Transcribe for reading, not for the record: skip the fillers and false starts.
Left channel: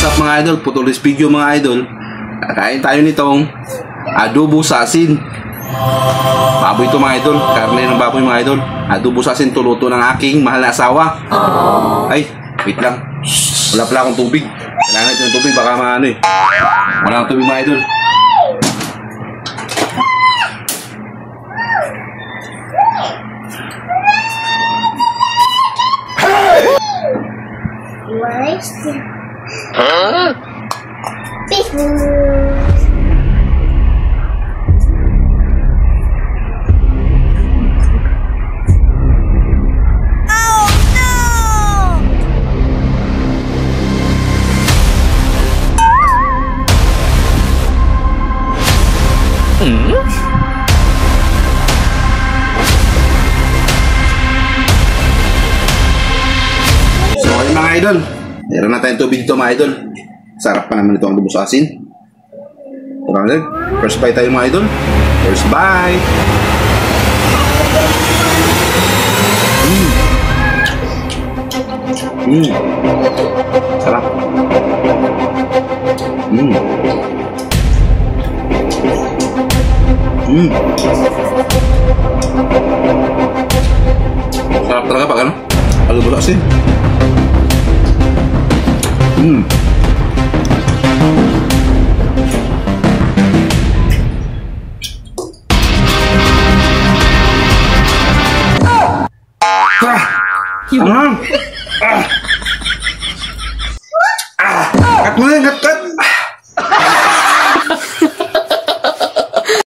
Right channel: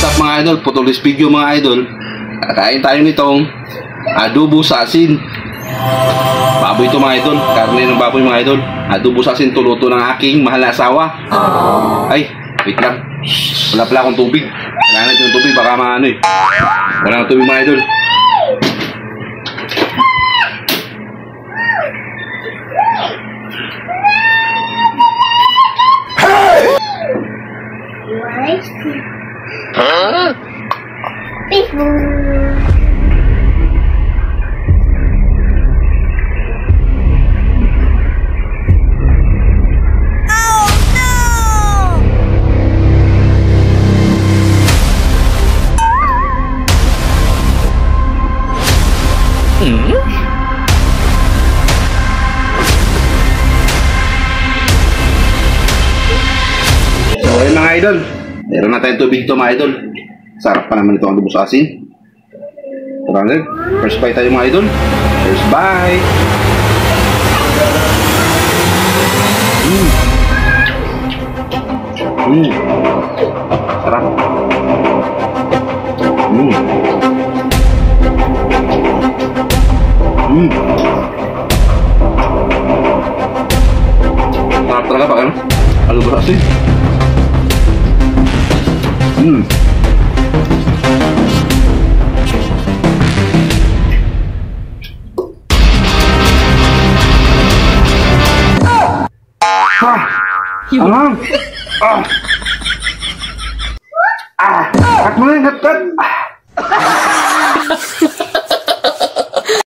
What's up mga idol? Putulis video mga idol. Kain tayo nitong adobo sa asin. Baboy ito mga idol. Karne ng baboy mga idol. Adobo sa asin, tuluto ng aking mahal na asawa. Ay, wait lang. Wala pala akong tubig. Kailangan ito ng tubig, baka maano eh. Walang tubig mga idol. Huh? So ayun mga idol, meron na tayong tubig ito mga idol. Sarap pa naman ito ang adobo sa asin. Tara na, first bite tayo mga idol. First bite. Sarap. Sarap talaga pag ano? Adobo sa asin. Cut mo na yan, cut!